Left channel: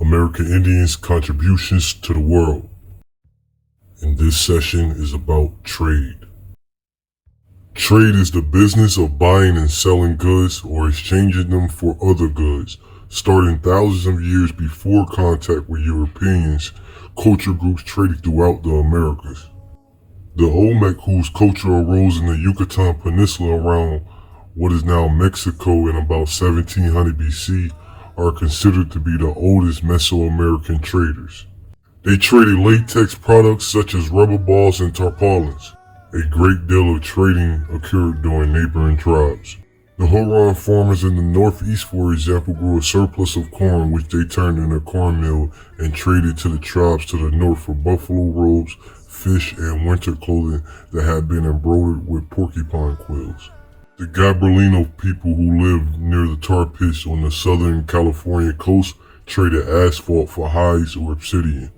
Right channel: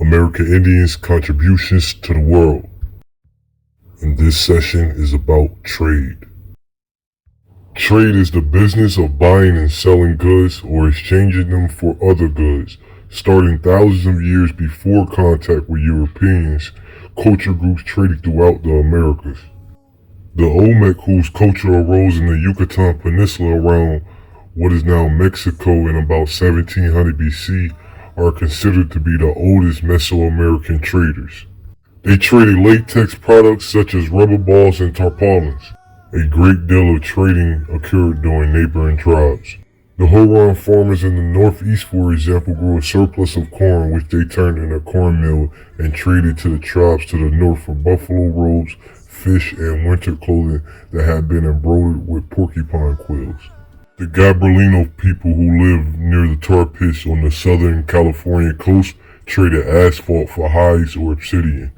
American Indians' contributions to the world. And this session is about trade. Trade is the business of buying and selling goods or exchanging them for other goods. Starting thousands of years before contact with Europeans, culture groups traded throughout the Americas. The Olmec, whose culture arose in the Yucatan Peninsula around what is now Mexico in about 1700 BC, are considered to be the oldest Mesoamerican traders. They traded latex products such as rubber balls and tarpaulins. A great deal of trading occurred during neighboring tribes. The Huron farmers in the northeast, for example, grew a surplus of corn which they turned in a corn mill and traded to the tribes to the north for buffalo robes, fish, and winter clothing that had been embroidered with porcupine quills. The Gabrielino people who lived near the tar pits on the southern California coast traded asphalt for hides or obsidian.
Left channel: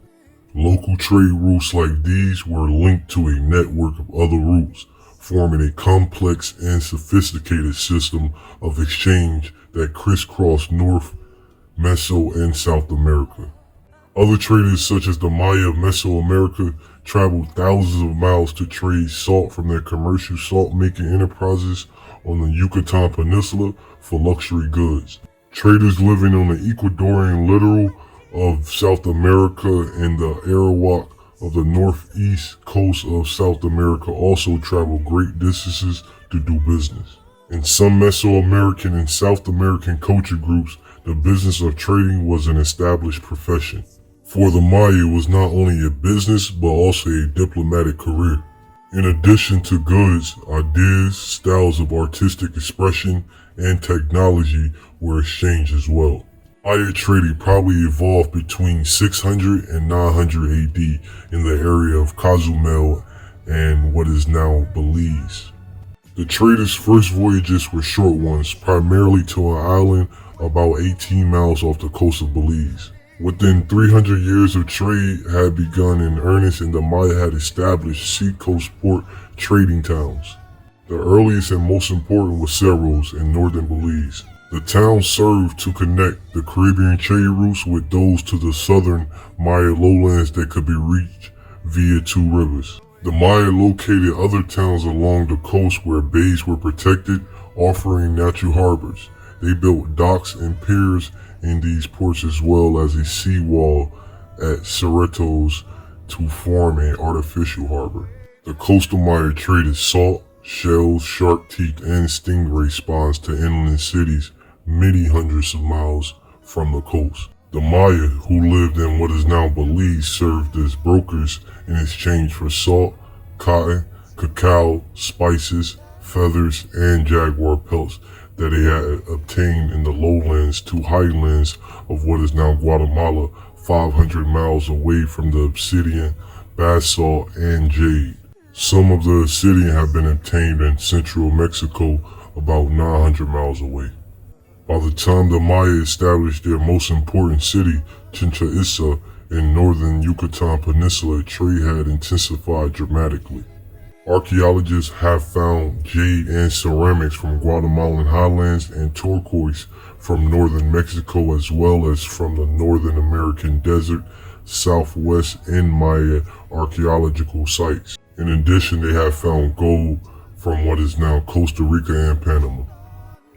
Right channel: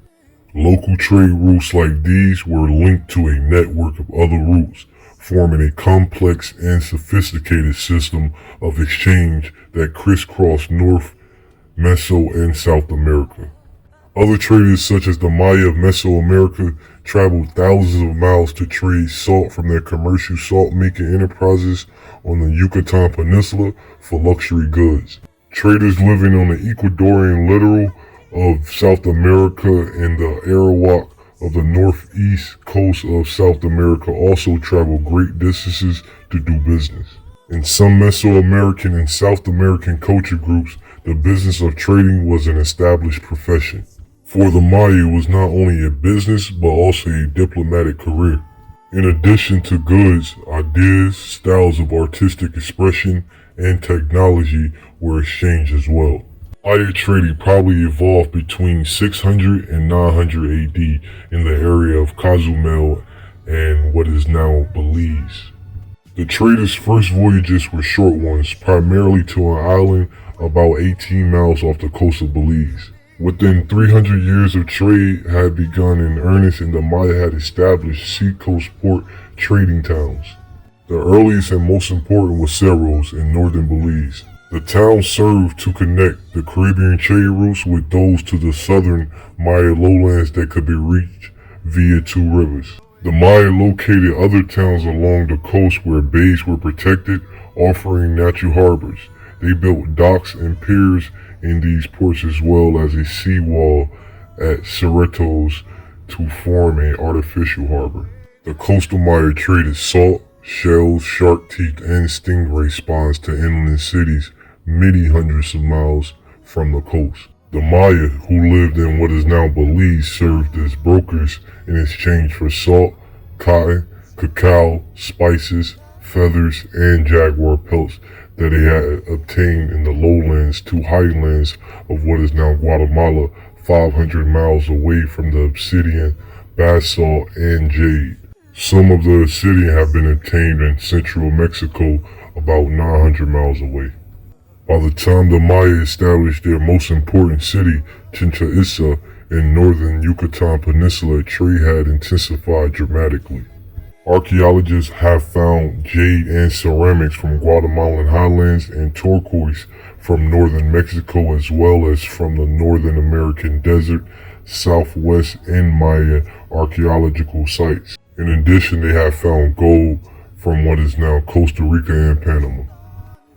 Local trade routes like these were linked to a network of other routes, forming a complex and sophisticated system of exchange that crisscrossed North, Meso, and South America. Other traders such as the Maya of Mesoamerica traveled thousands of miles to trade salt from their commercial salt-making enterprises on the Yucatan Peninsula for luxury goods. Traders living on the Ecuadorian littoral of South America and the Arawak of the northeast coast of South America also traveled great distances to do business. In some Mesoamerican and South American culture groups, the business of trading was an established profession. For the Maya, it was not only a business but also a diplomatic career. In addition to goods, ideas, styles of artistic expression, and technology were exchanged as well. Maya trading probably evolved between 600 and 900 AD in the area of Cozumel and what is now Belize. The traders' first voyages were short ones, primarily to an island about 18 miles off the coast of Belize. Within 300 years of trade had begun in earnest and the Maya had established seacoast port trading towns. The earliest and most important was Cerros in northern Belize. The town served to connect the Caribbean trade routes with those to the southern Maya lowlands that could be reached via two rivers. The Maya located other towns along the coast where bays were protected, offering natural harbors. They built docks and piers in these ports as well as a seawall at Cerritos to form an artificial harbor. The coastal Maya traded salt, shells, shark teeth, and stingray spawns to inland cities many hundreds of miles from the coast. The Maya, who lived in what is now Belize, served as brokers in exchange for salt, cotton, cacao, spices, feathers, and jaguar pelts that they had obtained in the lowlands to highlands of what is now Guatemala, 500 miles away from the obsidian, basalt, and jade. Some of the obsidian have been obtained in central Mexico, about 900 miles away. By the time the Maya established their most important city, Chichen Itza, in northern Yucatan Peninsula, trade had intensified dramatically. Archaeologists have found jade and ceramics from Guatemalan highlands and turquoise from northern Mexico as well as from the Northern American desert, southwest, and Maya archaeological sites. In addition, they have found gold from what is now Costa Rica and Panama.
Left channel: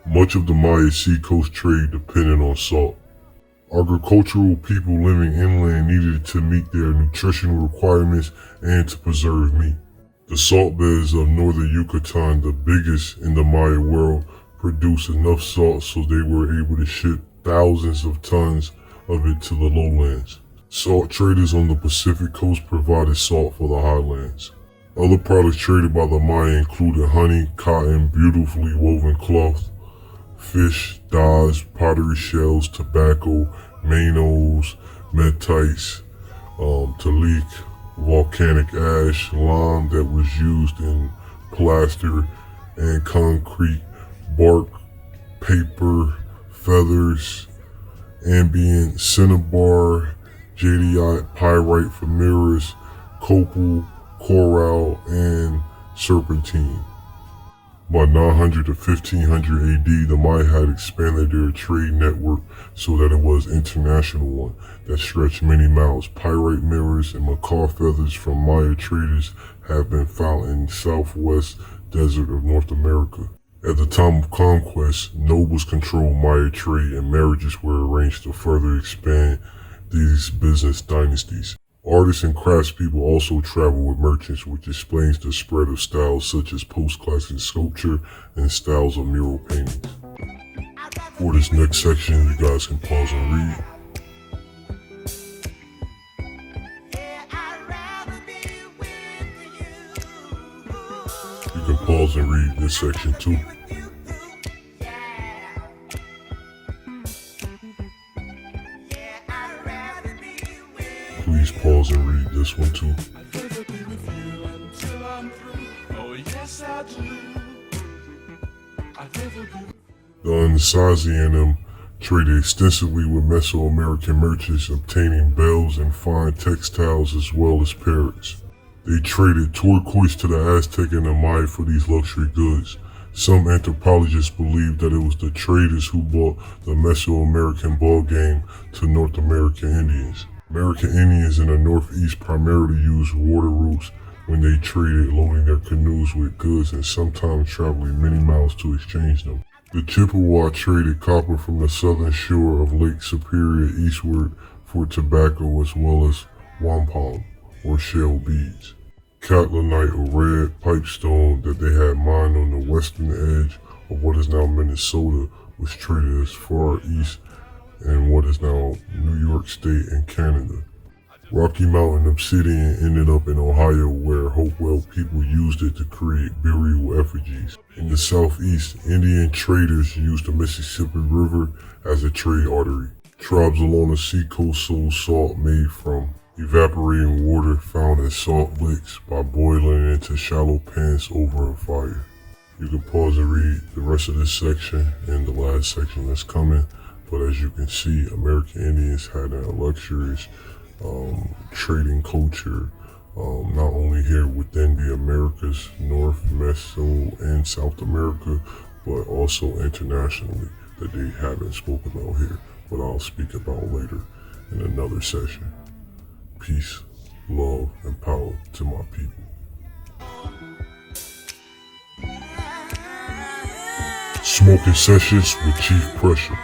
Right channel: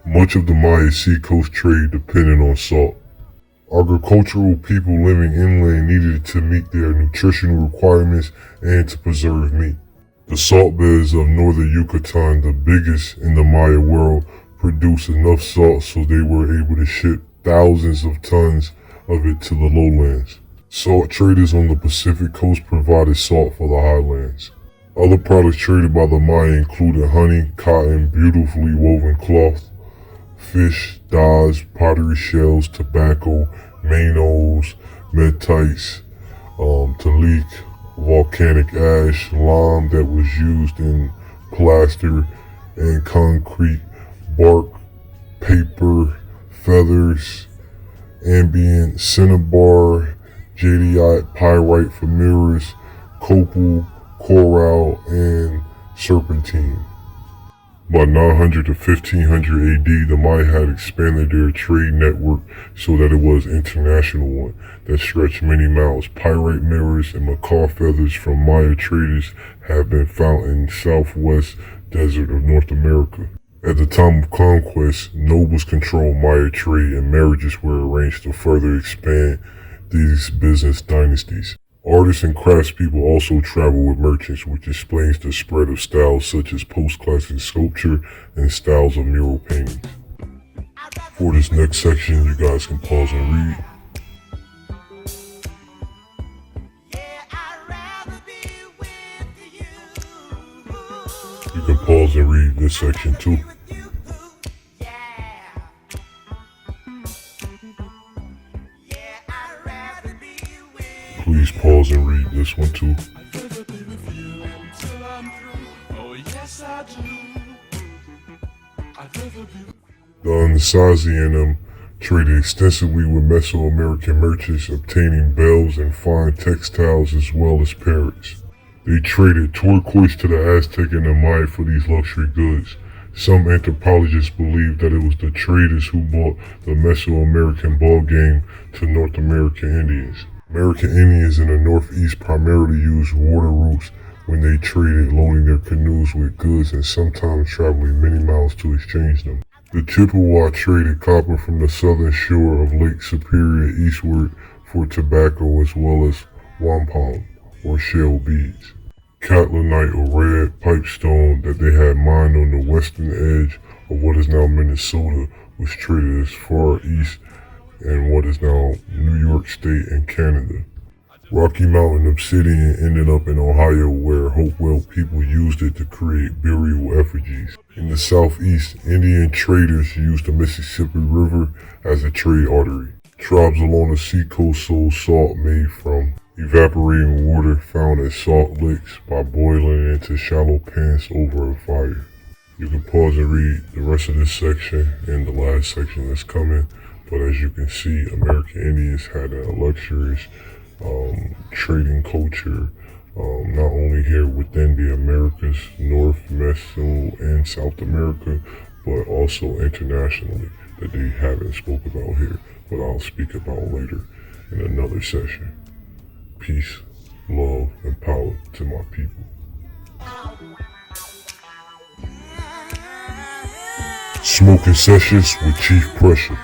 Much of the Maya seacoast trade depended on salt. Agricultural people living inland needed to meet their nutritional requirements and to preserve meat. The salt beds of northern Yucatan, the biggest in the Maya world, produced enough salt so they were able to ship thousands of tons of it to the lowlands. Salt traders on the Pacific coast provided salt for the highlands. Other products traded by the Maya included honey, cotton, beautifully woven cloth, fish, dyes, pottery shells, tobacco, manos, metites, talik, volcanic ash, lime that was used in plaster and concrete, bark, paper, feathers, ambient, cinnabar, jadeite, pyrite for mirrors, copal, coral, and serpentine. By 900 to 1500 AD, the Maya had expanded their trade network so that it was an international one that stretched many miles. Pirate mirrors and macaw feathers from Maya traders have been found in the southwest desert of North America. At the time of conquest, nobles controlled Maya trade and marriages were arranged to further expand these business dynasties. Artists and craftspeople also travel with merchants, which explains the spread of styles such as post-classic sculpture and styles of mural paintings. For this next section, you guys can pause and read. You can pause and read this section too. Please pause and read this one too. The Anasazi and them traded extensively with Mesoamerican merchants, obtaining bells and fine textiles as well as parrots. They traded turquoise to the Aztec and the Maya for these luxury goods. Some anthropologists believe that it was the traders who brought the Mesoamerican ball game to North American Indians. American Indians in the Northeast primarily used water routes when they traded, loading their canoes with goods and sometimes traveling many miles to exchange them. The Chippewa traded copper from the southern shore of Lake Superior eastward for tobacco as well as wampum, or shell beads. Catlinite or red pipestone that they had mined on the western edge of what is now Minnesota was traded as far east in what is now New York State and Canada. Rocky Mountain obsidian ended up in Ohio, where Hopewell people used it to create burial effigies. In the southeast, Indian traders used the Mississippi River as a trade artery. Tribes along the seacoast sold salt made from evaporating water found at salt licks by boiling it into shallow pans over a fire. You can pause and read the rest of this section and the last section that's coming. But as you can see, American Indians had a luxurious trading culture, not only here within the Americas, North, Meso, and South America, but also internationally that they haven't spoke about here, but I'll speak about later in another session. Peace, love, and power to my people. Smoking Sessions with Chief Pressure.